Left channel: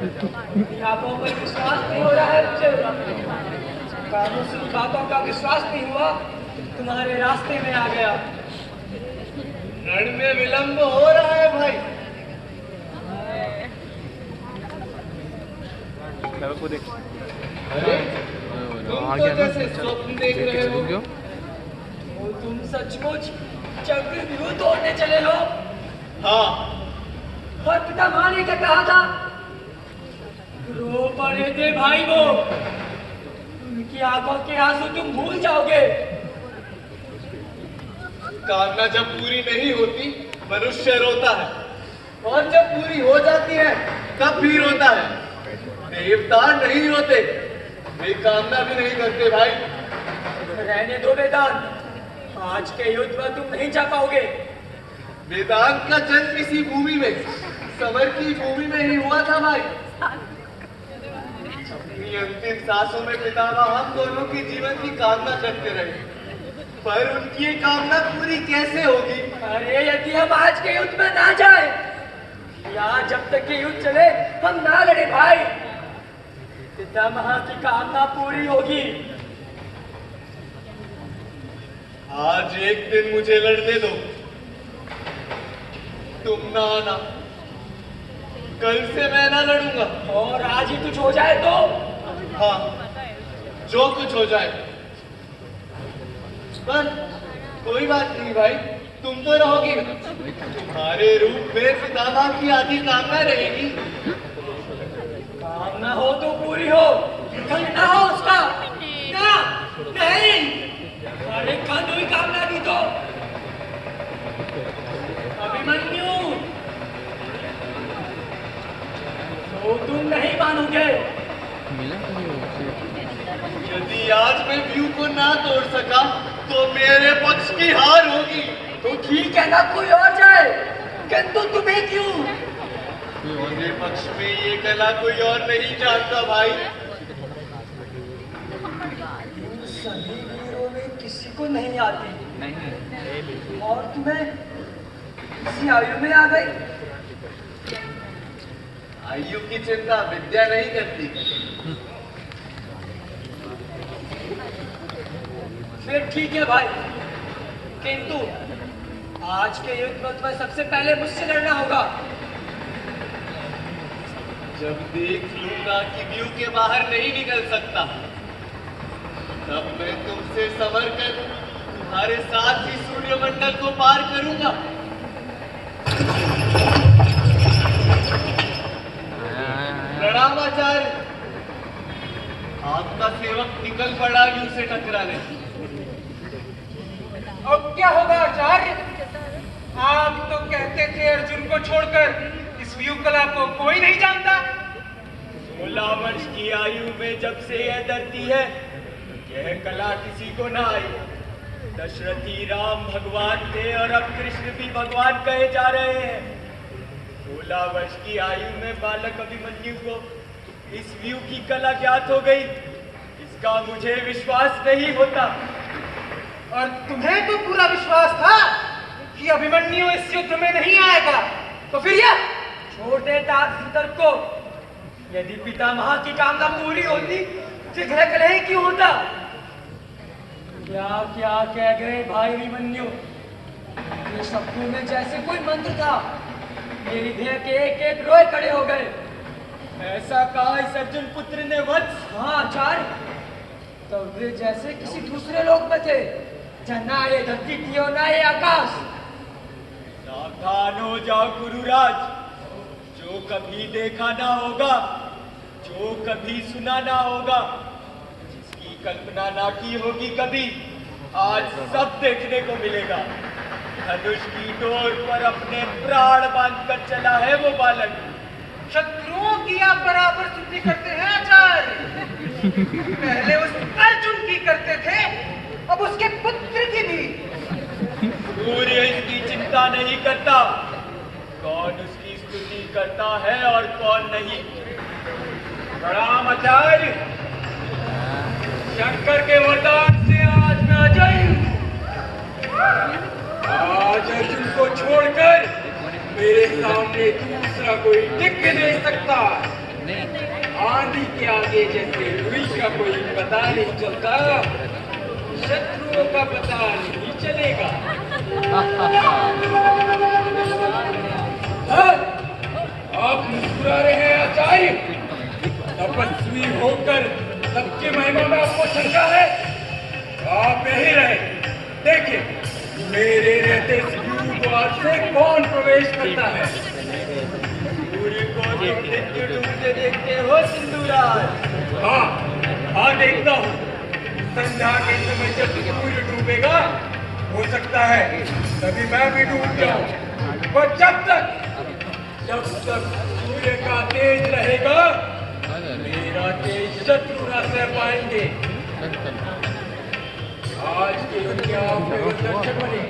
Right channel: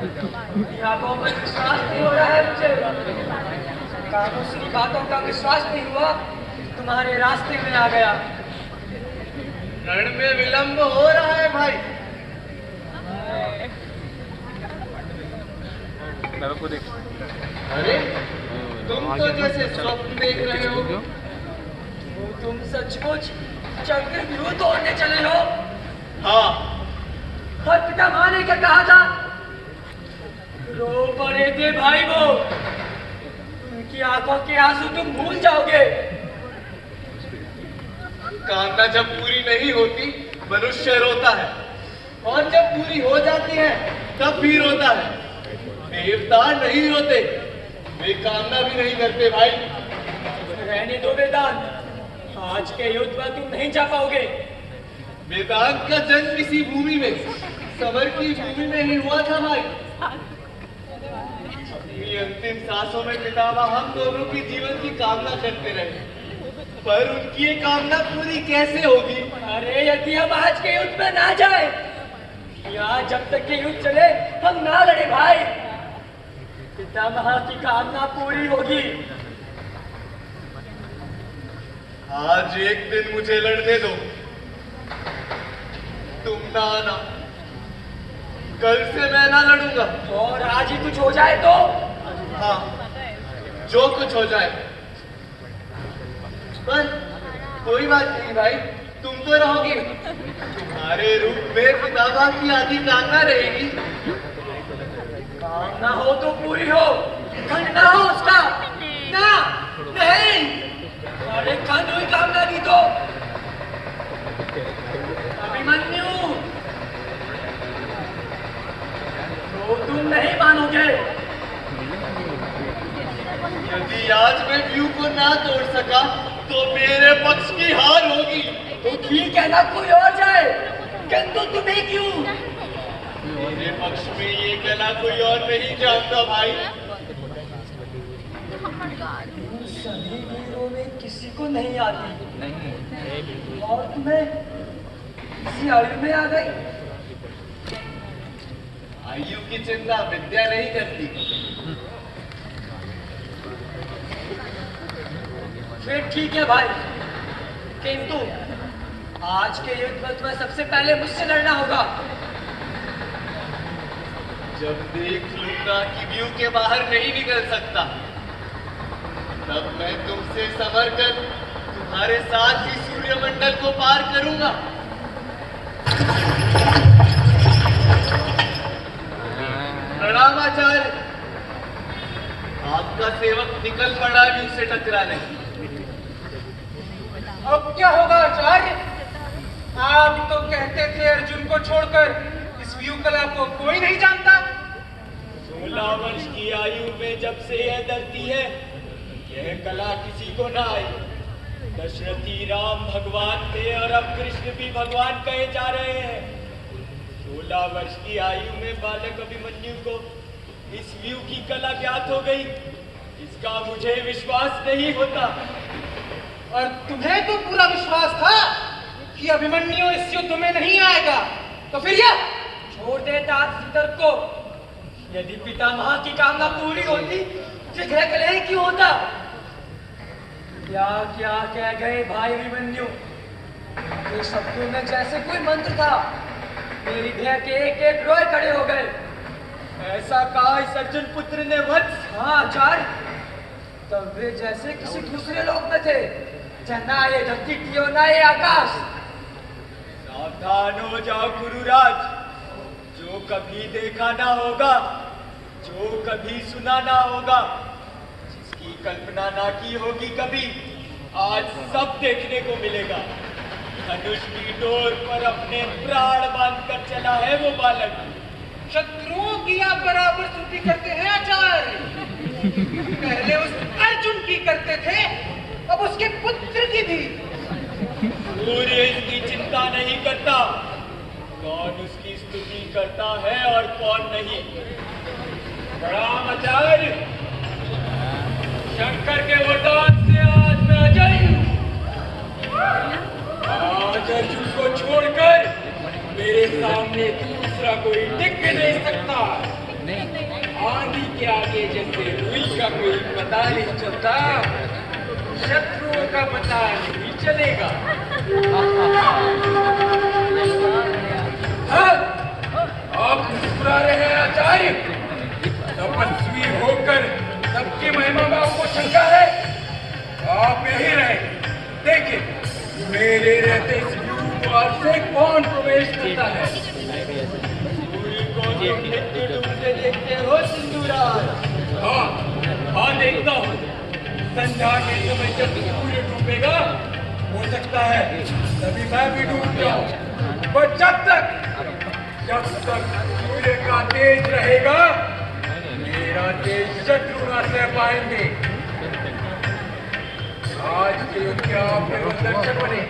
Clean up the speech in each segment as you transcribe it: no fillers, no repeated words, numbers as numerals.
आंखों पर विश्वास नहीं हो रहा है मुझे। कानों से बातों का विश्वास नहीं हुआ, तुम्हारे रास्ते में आ गया। रण में विलंब हो रहा है भाई। अरे तुम तो जैसे स्वप्न देख रहे हो। तो तुम सचमुच चक्रव्यूह तोड़ने चले हो? हाँ। और पितामह ने क्या कहा था? रो पड़े थे भाई वो। उनकी आंखों के आंसू तुम भूल जाओगे। कामना जब पूरी नहीं होती मनुष्य रोता है, और जब पूरी हो जाती है तब भी रोता है। देवता नहीं रोते, वे कामना भी नहीं करते भाई। रहने दो वेदांत, आज के युद्ध में तुम नहीं जा पाओगे। वेदांत का जन्म इसी भूमि में, समर की भूमि में ही हुआ था भाई। अपनी अंतिम सांसों में पितामह हम दोनों की जीवन की कामना करते रहे, पर उनकी ये कामना पूरी कैसे होगी? अरे यदि हम आज के युद्ध में ना जाए, या जब तक ये युद्ध चले हम ना लड़े भाई, पितामह की कामना पूरी होगी। आज एक दिन मुझे लड़ने दो, तुम ना आना। कल से मैं ना लड़ूंगा। और आज ही कुछ हो जाए तो? हाँ, जो कुछ हो जाए। पर कोई बात नहीं भाई, तुम तो रहोगी। तुम्हारे रूप में पितामह की आदि कामना रहेगी। कामना हो तो पूरी हो, खंड ना हो उसका। ना, नहीं। अरे खंड हुई कामना भी तो। अभिमन्यु, तो तुम नहीं मानोगे। यदि आज मैं व्यू को ना तोड़ सका तो मेरे पक्ष की हार होगी। तो ठीक है ना, कोई और जाए, किंतु तुम्हें क्यों? मेरे पक्ष में ये कला कोई और नहीं जानता भाई। सभी वीरों में किसी को नहीं आती। नहीं। और तुम्हें इसी आयु में आ गई। आयु की चिंता विद्या नहीं करती। फिर ठीक है भाई, किंतु आज के युद्ध में तुम्हें सबसे पहले मुझसे लड़ना होगा। जब देख लूंगा कि व्यू के बाहर नहीं निकल सकता, तब मैं तुमसे संवर कर तुम्हारे साथ ही सूर्यमंडल को पार करूंगा। प्रणाम आचार्य। आपका सेवक निकल पड़ा व्यू से टकराने। अब क्या होगा आचार्य? आप तो कहते थे अर्जुन को छोड़कर इस व्यू कला को कोई नहीं जानता। 16 वर्ष की आयु में जब से यह धरती है, यह कला किसी को ना आई। दशरथी राम भगवान थे और अब कृष्ण भी भगवान कहे जा रहे हैं। 16 वर्ष की आयु में बालक अभिमन्यु को इस व्यू की कला ज्ञात हो गई, इसका मुझे विश्वास नहीं होता। और तुम्हें तो पूरा विश्वास था कि अभिमन्यु इस युद्ध में नहीं आएगा, तो फिर यह छोड़ देता तर्क को। यदि पितामह की कामना पूरी होती, जिघ्र कलह क्यों होता? क्या क्या कह गए भाई अभिमन्यु। ये शब्दों में जैसे कोई मंत्र था। मेरी देह के एक एक रोए खड़े हो गए। ऐसा कहा इस अर्जुन पुत्र ने वत्स। हाँ आचार्य, तब वे जैसे किसी दूसरे लोक में थे, ना ये धरती की और ना ये आकाश। सावधान हो जाओ गुरुराज, जो कभी देखा ना होगा, जो कभी सुना ना होगा, जिसकी कल्पना ना की होगी कभी, आज सब देखने को मिलेगा। धनुष की डोर पर अपने प्राण बांधकर चला है वो बालक। शत्रुओं की आप बराबर स्तुति करते हैं आचार्य। पहले उस अर्जुन की करते थे, अब उसके पुत्र की भी। सूर्य इसकी चिंता नहीं करता, कौन उसकी स्तुति करता है और कौन नहीं। प्रणाम आचार्य। शंकर के वरदान से आज मैं अजय हूं। आज अर्जुन को छोड़कर मेरे सामने दूसरा कोई टिक नहीं सकता। आंधी के आगे जैसे रुई का कोई पता नहीं चलता, शत्रुओं का पता नहीं चलेगा। आप मुस्कुरा रहे हैं आचार्य? तपस्वी होकर सबकी महिमा में आपको शंका है? आप यही रहे, देखिए मेरे रहते इस गुरु द्वार से कौन प्रवेश करता है। सूर्य को डूबते देखते हो सिंधुराज? हाँ देखता हूँ। संध्या के समय जब सूर्य डूबेगा, हो सकता है तभी मैं भी डूब जाऊं, पर जब तक सूर्य का तेज रहेगा, मेरा तेज शत्रु ना सह पाएंगे। आज के युद्ध के आपके दर्शन बने,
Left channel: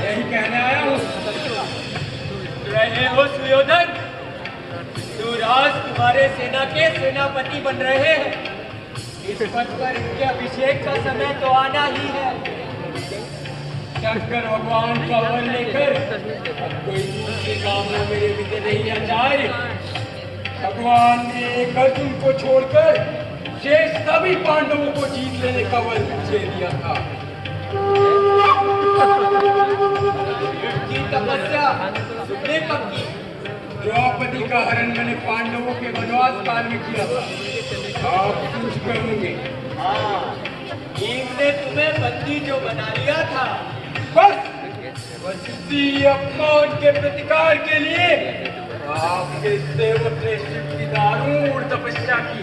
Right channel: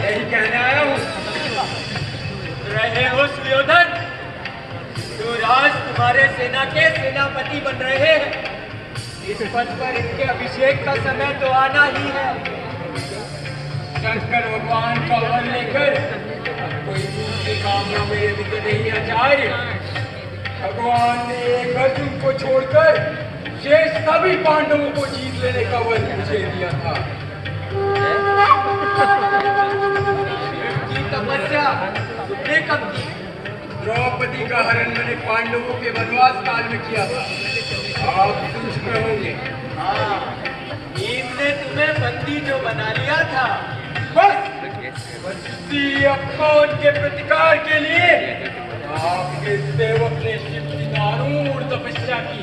यही कहने आया हूँ। रहे हो सुयोधन, युवराज तुम्हारे सेना के सेनापति बन रहे हैं। इस पद पर इनके अभिषेक का समय तो आना ही है। शंकर भगवान का वर लेकर अब कोई दूसरे काम में मेरे दिखे नहीं आचार्य। भगवान ने एक अर्जुन को छोड़कर शेष सभी पांडवों को जीत लेने का वर मुझे दिया था। की तपस्या तुमने कब की? द्रौपदी का हरण मैंने पांडवों के वनवास काल में किया था। आप सुन चुके होंगे। हाँ, भीम ने तुम्हें बंदी जो बना लिया था, बस उसी अपमान के प्रतिकार के लिए आपके सेवक ने शिव की दारुण तपस्या की।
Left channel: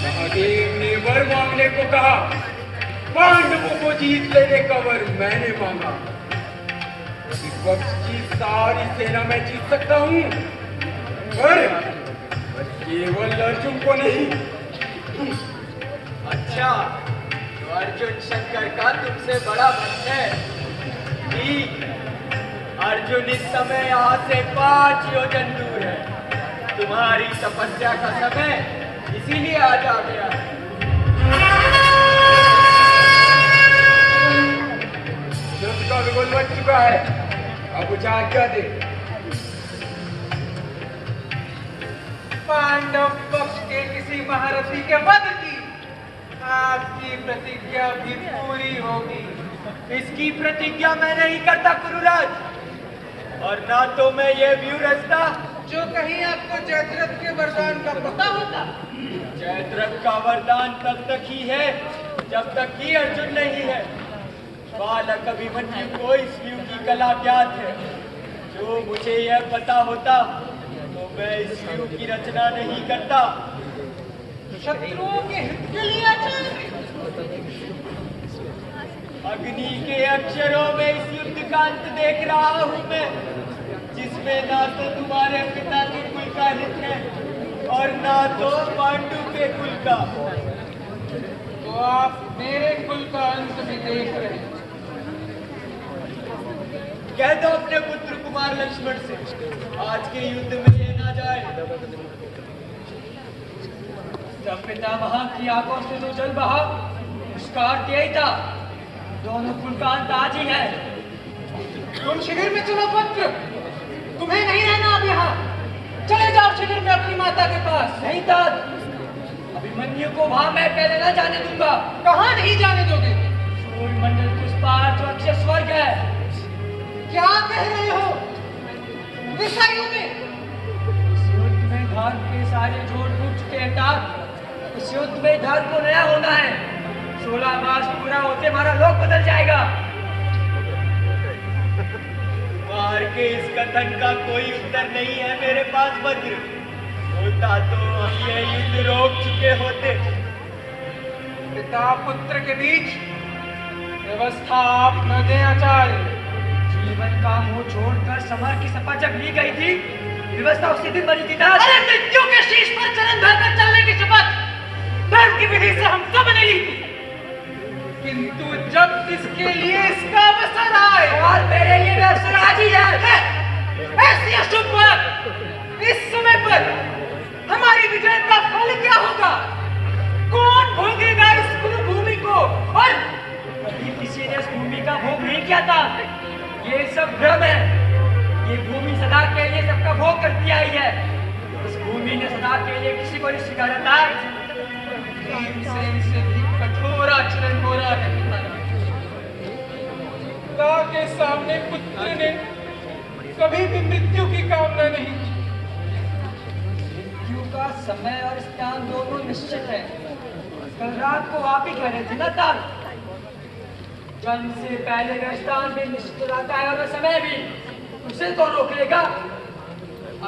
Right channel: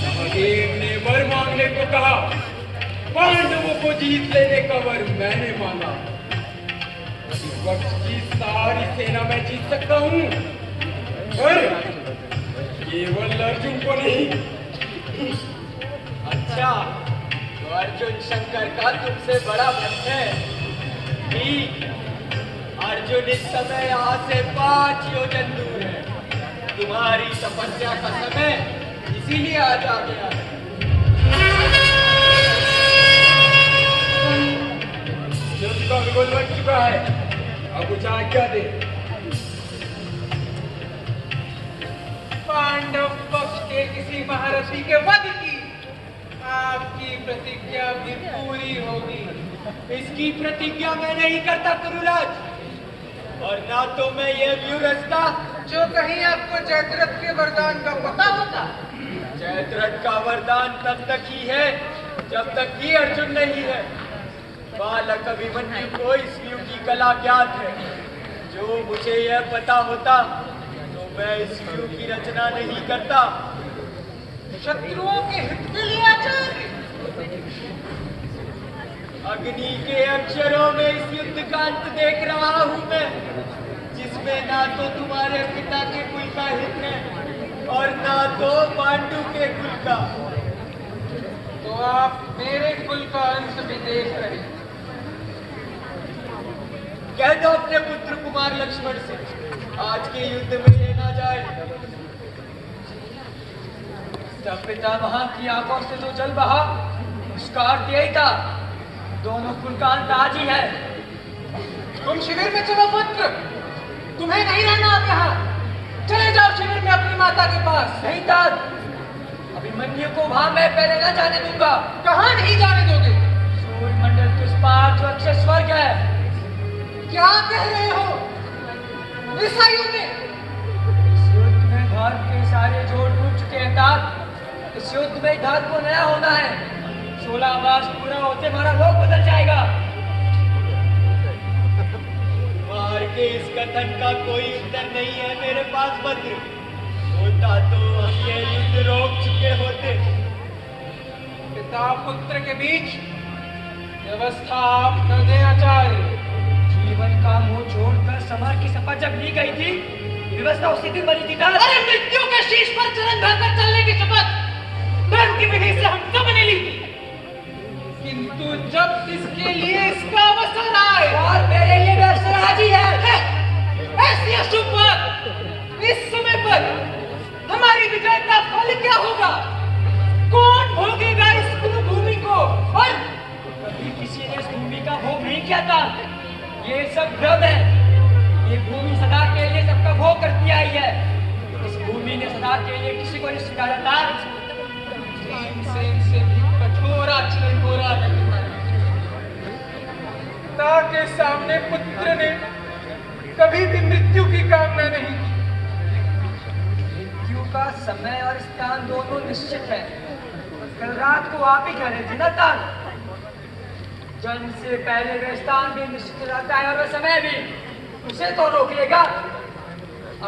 महादेव ने वर मांगने को कहा, पांडवों को जीत लेने का वर मैंने मांगा। विपक्ष की सारी सेना मैं जीत सकता हूँ, पर केवल अर्जुन को नहीं। अच्छा, तो अर्जुन शंकर का तुमसे बड़ा भक्त है। ठीक, अर्जुन इस समय यहाँ से 5 योजन दूर है। तुम्हारी तपस्या का समय इसीलिए आज आ गया है। युद्ध का बिगुल बच चुका है, अब मुझे आज्ञा दे। पांडव पक्ष के किसी महारथी के वध की आपकी प्रतिज्ञा भी पूरी होगी। इसकी प्रतिज्ञा मैं नहीं करता कुरुराज, और ना तो मैं ये व्यू रचता। जो कहीं आपको जयद्रथ के वरदान का पता होता। जयद्रथ का वरदान तब तक ही है जब तक ही अर्जुन नहीं है। बालक अभिमन्यु को इस व्यू की कला ज्ञात है। जो मुझे यह पता होता तो मैं इस व्यू की रचना नहीं करता। शत्रुओं के हित के लिए आचार्य, अग्नि के अक्षरों में इस युद्ध का अंत देख रहा हूँ मैं, जिसमें ना तो तुम्हारे पिता के कुल का हित है और ना तो पांडु के कुल का। तो आप मेरे कुल का अंत भी देख रहे हैं। कह दो अपने पुत्र कुमार लक्ष्मण से, आज के युद्ध में ये ना जाए। जब पितामह की आंखों से जो जल बहा, उसका अर्थ यही था, दोनों कुल का अंत आज ही है। तुम शिविर में चलो पुत्र, तुम्हें नहीं रहना अब यहाँ। चले जाओ शिविर में अपनी माता के पास। नहीं तात, अभिमन्यु को वहां मैं पहले न जाने दूंगा। कहाँ नहीं जाने दोगे? सूर्यमंडल के उस पार जो अक्षय स्वर्ग है। क्या कह रहे हो? इस आयु में? इस युद्ध में धर्म के सारे जोड़ टूट चुके हैं तात। इस युद्ध में धर्म को नया होना है। 16 मास पूरा होते हमारा लोक बदल जाएगा। मार के इस कथन का कोई उत्तर नहीं है मेरे पास भद्र। होता तो हम ये युद्ध रोक चुके होते। पिता पुत्र के बीच व्यवस्था आप न दें आचार्य। जीवन का मोह छोड़कर समर की शपथ जब ली गई थी, व्यवस्था उसी दिन बनी थी तात। अरे मृत्यु के शीश पर चरण धरकर चलने की शपथ धर्म की विधि से हम सब ने ली थी, किंतु जब इसके लिए इसका अवसर आए, और मेरे लिए भी अवसर आज ही है। ऐसी अशुभ बात इस समय पर हमारी विजय का फल क्या होगा? कौन भोगेगा इस भूमि को? और कभी किसी ने इस भूमि का भोग नहीं किया था। ये सब भ्रम है। ये भूमि सदा के लिए सबका भोग करती आई है। इस भूमि ने सदा के लिए किसी को नहीं स्वीकारा था। भीमसेन से भी कठोर आचरण हो रहा है तुम्हारा। पिता के सामने पुत्र ने कभी भी मृत्यु की कामना नहीं की। मृत्यु का समय और स्थान दोनों निश्चित है। कल रात को आप ही कह रहे थे ना तार, जन्म से पहले वह स्थान भी निश्चित रहता है और वह समय भी। उसे तो रोक लेगा।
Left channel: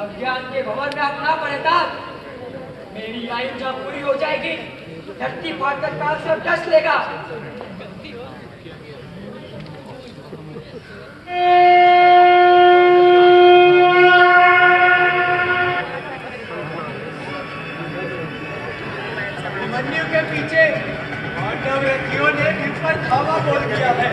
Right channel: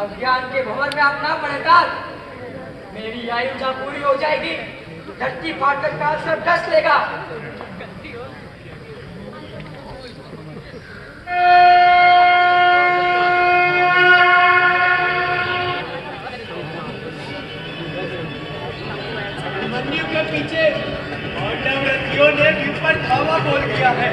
अज्ञान के भंवर में आप ना पड़े तार। मेरी आयु जब पूरी हो जाएगी, धरती फाटकर काल से डस लेगा। मन्यु के पीछे पांडव रथियों ने विपर धावा बोल दिया है।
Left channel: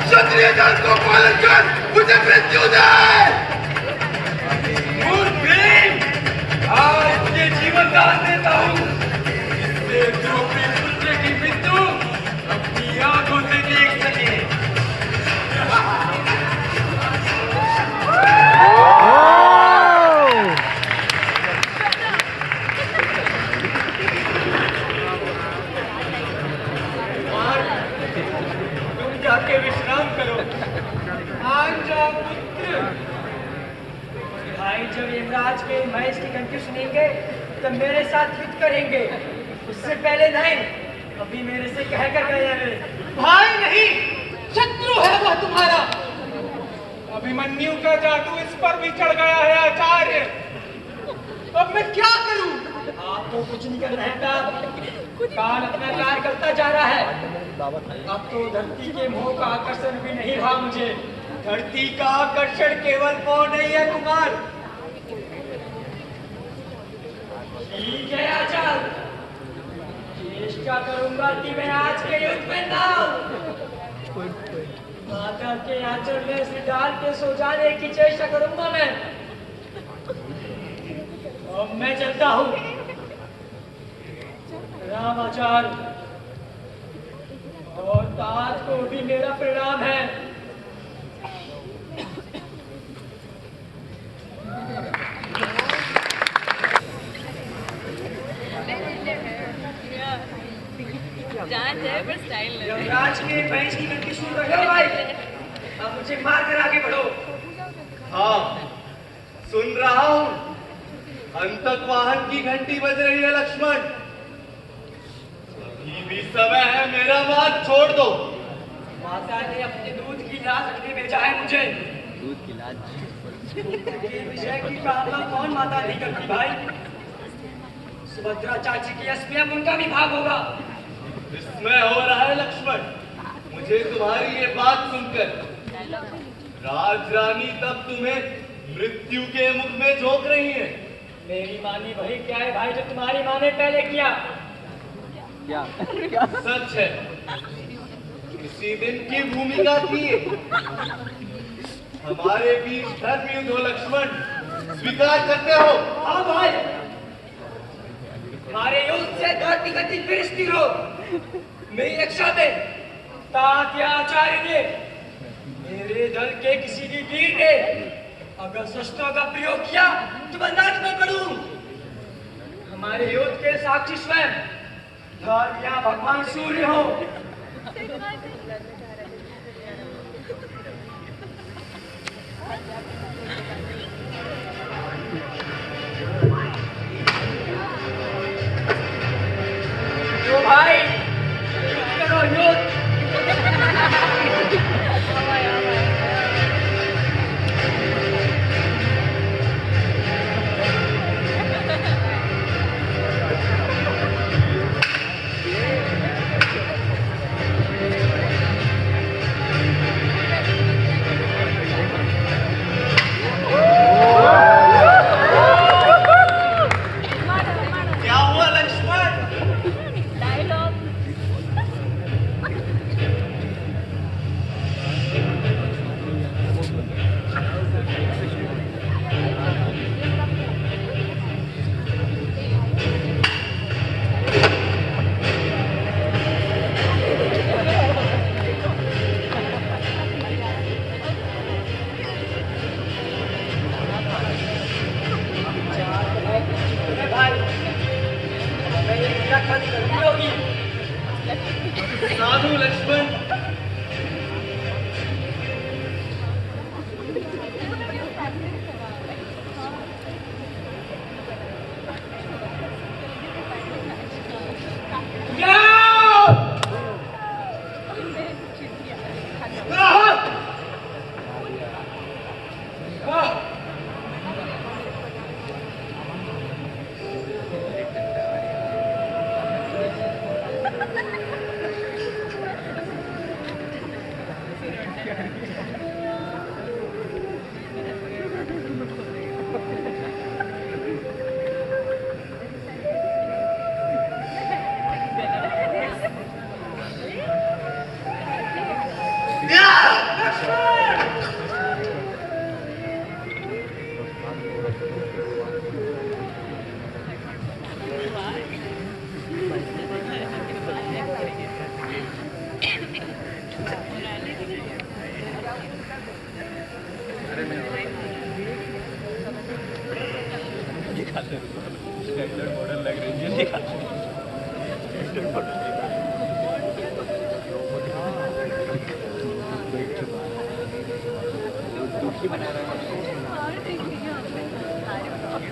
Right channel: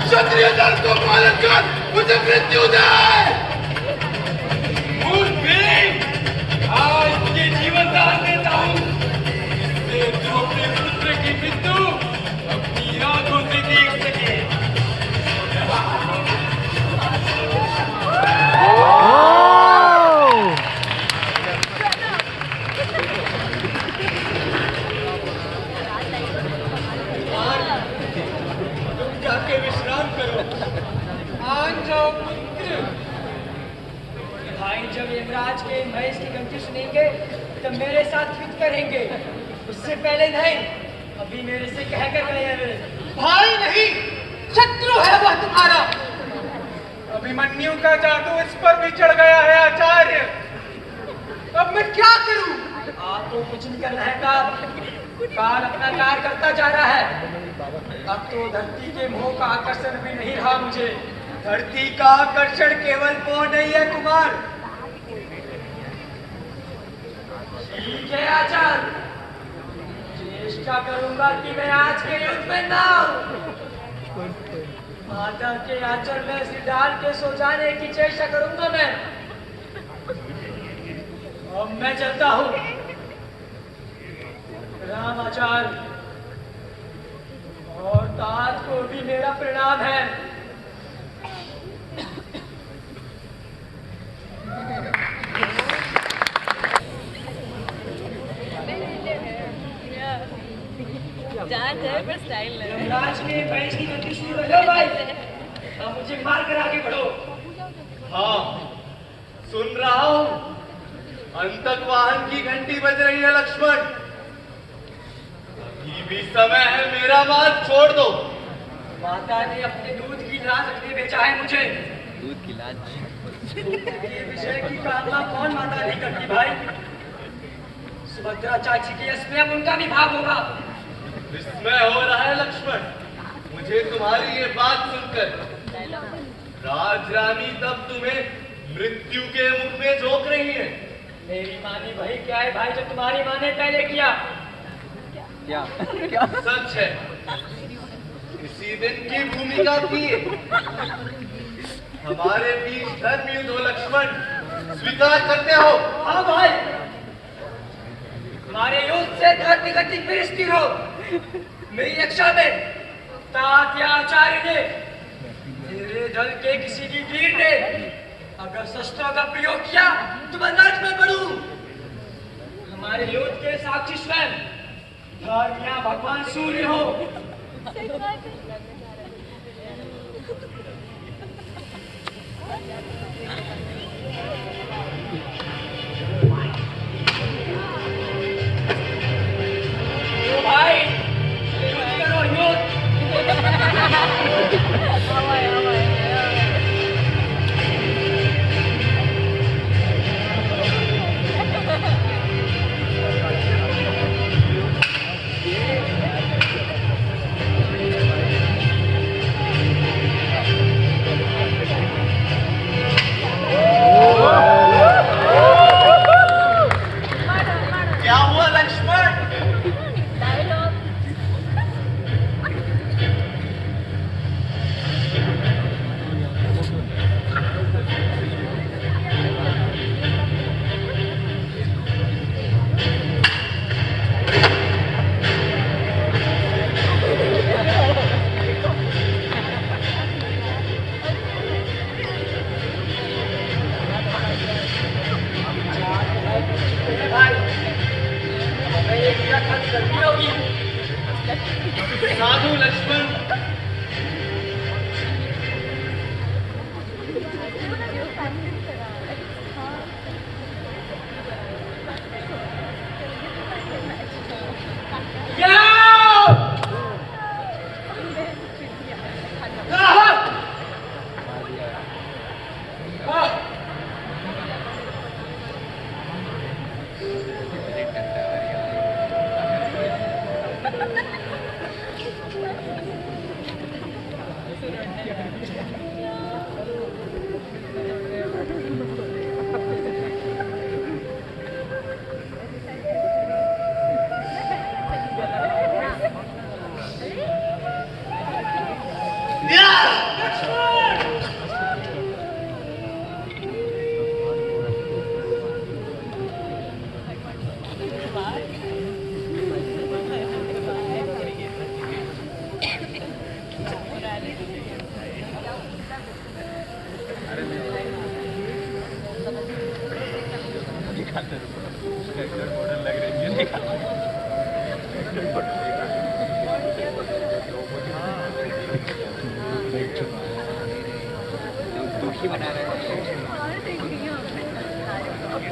क्षत्रिय दल को पालन कर मुझे मृत्यु दे। आज तुझे जीवन दान देता हूँ, इससे द्रौपदी पुत्र की मृत्यु अपनी आंखों से देख सके। तुम जाके विश्राम करो। आज जाओ पुत्र। भाई जब यमराज के महेश की घंटी सुनेंगे तब मेरे साथ युद्ध करेंगे, उससे पहले नहीं। अभी मेरे से कह कर गए हैं वे। भाई नहीं, शत्रु है वह तुम्हारा। अभिमन्यु का जादू इस पर भी चढ़ गया है आचार्य। अब मैं क्या करूं? आप तो कुछ नहीं कर रहे हैं, काल अपना कार्य करता जा रहा है। अब तो धरती के मोह का आकर्षण भी नहीं रहा मुझे। धरती का आकर्षण केवल मोह नहीं है कुमार। ठीक है आचार्य, चेष्टा करूंगा कि मैं आज के युद्ध में ना हूं। माता के आंचल में सिर डाल के सो जाने की चेष्टा करूंगा मैं। अब मैं चलता हूं। राम आचार्य और तार को भी मेरा प्रणाम है। यमराज के भैंस की घंटी सुन रहे हो भाई? अब मुझे मार कर आगे बढ़ो। हाँ, सुन रहा हूँ। अंतक वाहन की घंटी बज रही है लक्ष्मण। अभी भी समय है, मेरा मार्ग छोड़ दो। माता ने अपने दूध की लाज रखने भेजा है मुझे। दूध की लाज ये विषय की कामना कौन माता नहीं करती भाई? सुभद्रा चाची के यश में अब उनका भी भाग होगा। विस्मय हो रहा है लक्ष्मण मुझे तुम्हारी ये बात सुनकर। राजरानी तब तुम्हें मृत्यु के मुख में झोंक रही है। मेरी मानी वही क्या है भाई जो तुम्हारी माँ ने पहले किया? क्या सच है, इसी दिन की भूमिका थी। हमारे बीच धर्म युद्ध हो लक्ष्मण, स्वीकार करते हो? हाँ भाई, हमारे युद्ध से धर्म की गति फिर स्थिर हो। मेरी रक्षा में तात्याचार्य ने, मेरे दल के किसी भी वीर ने अगर शस्त्रों का प्रयोग किया तो मैं नर्क में पड़ूं। हमारे युद्ध के साक्षी स्वयं धर्म या भगवान सूर्य हो। तो भाई युद्ध करो, युद्ध। क्या हुआ लक्ष्मण? साधु लक्ष्मण,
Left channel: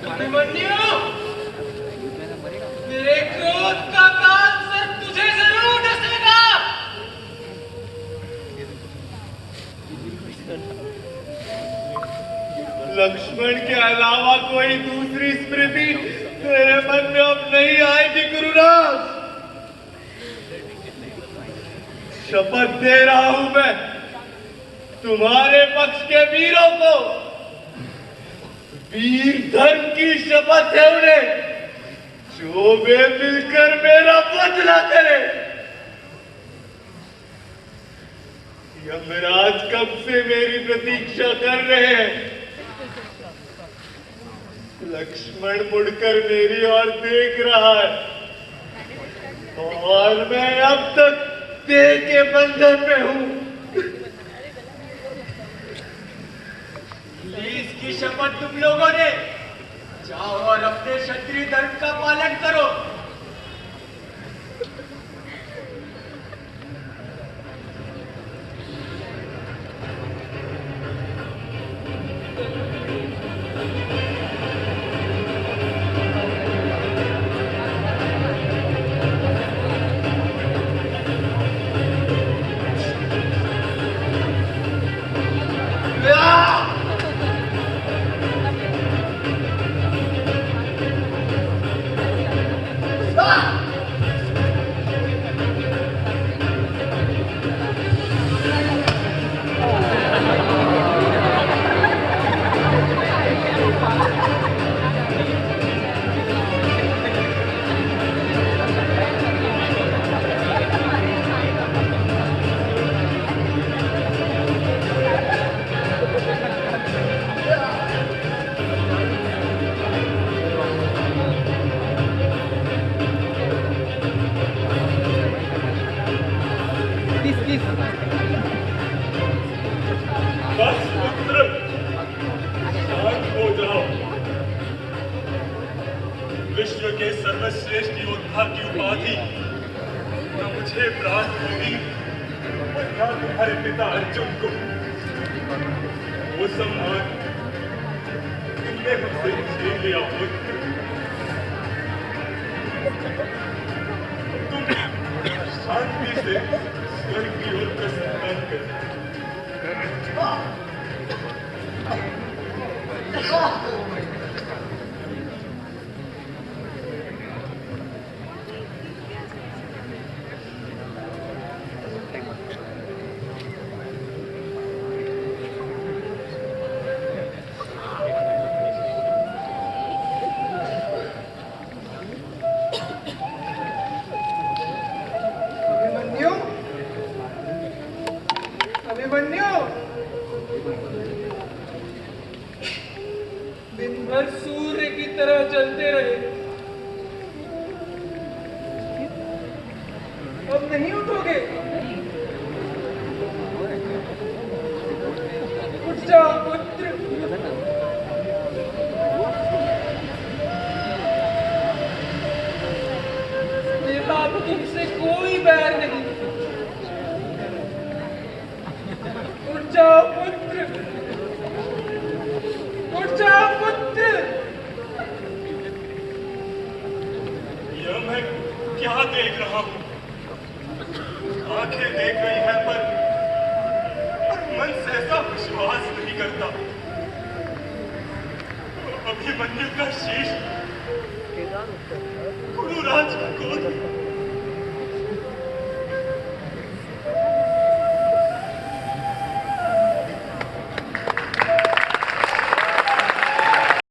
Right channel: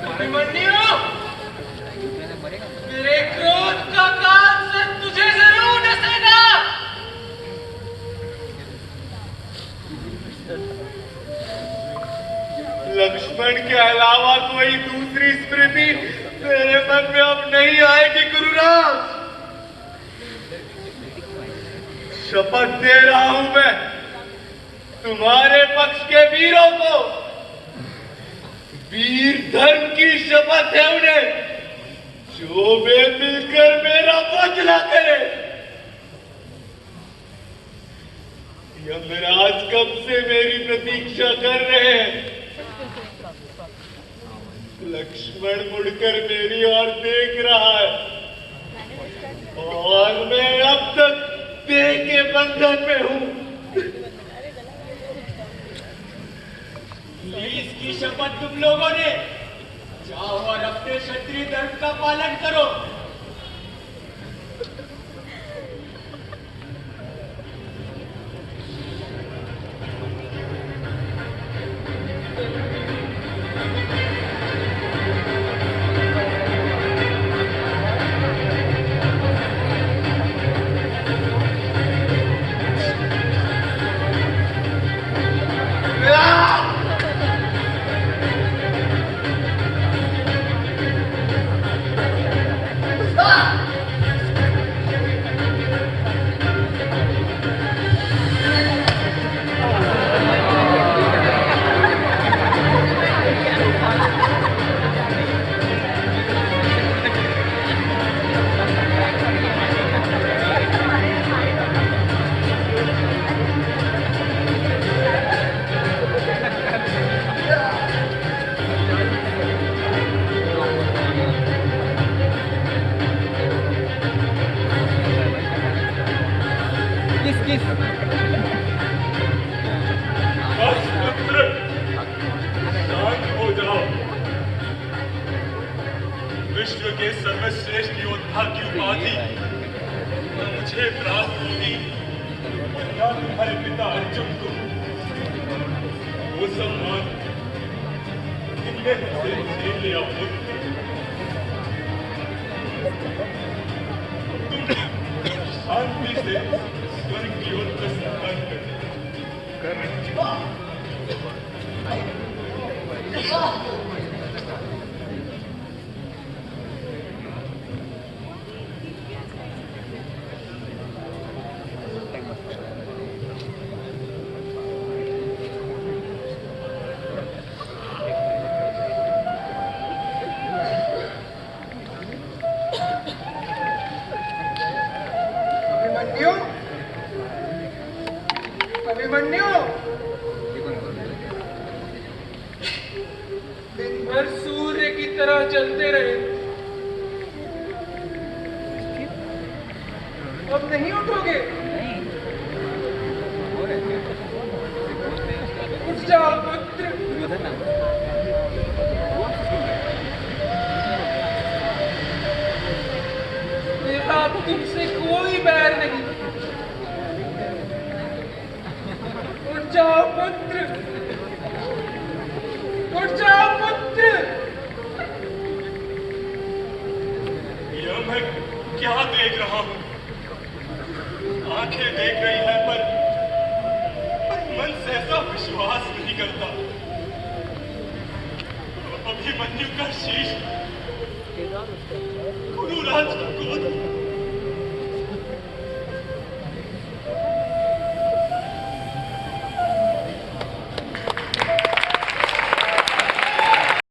अभिमन्यु, मेरे क्रोध का काल तुझे जरूर डसेगा। लक्ष्मण के अलावा कोई दूसरी स्मृति मेरे मन में अब नहीं आएगी गुरुराज। शपथ दे रहा हूं मैं तुम्हारे पक्ष के वीरों को, वीर धर्म की शपथ है उन्हें, जो वे मिलकर मेरा बदला करे। यमराज कब से मेरी प्रतीक्षा कर रहे हैं। लक्ष्मण मुड़कर मेरी ओर देख रहा है और मैं अब तक देह के बंधन में हूं। इसकी शपथ तुम लोगों ने, जाओ और अपने क्षत्रिय धर्म का पालन करो। बस पुत्र, शांत हो जाओ। विश्व के सर्वश्रेष्ठ योद्धा की उपाधि न मुझे प्राप्त होगी और न तुम्हारे पिता अर्जुन को। वो सम्मान तुमने मुझसे छीन लिया पुत्र। तुम शांति से स्वर्ग की ओर प्रस्थान करो। अभिमन्यु, अभिमन्यु, दिन भर सूर्य की तरह जलते रहे, अब नहीं उठोगे? उठ जाओ पुत्र। मेरा अब तुमसे कोई बैर नहीं। उठ जाओ पुत्र, उठ जाओ पुत्र। यह मैं क्या देख रहा हूँ? आंखें देख रही है पर मन सहसा विश्वास नहीं करता। अभिमन्यु का शीश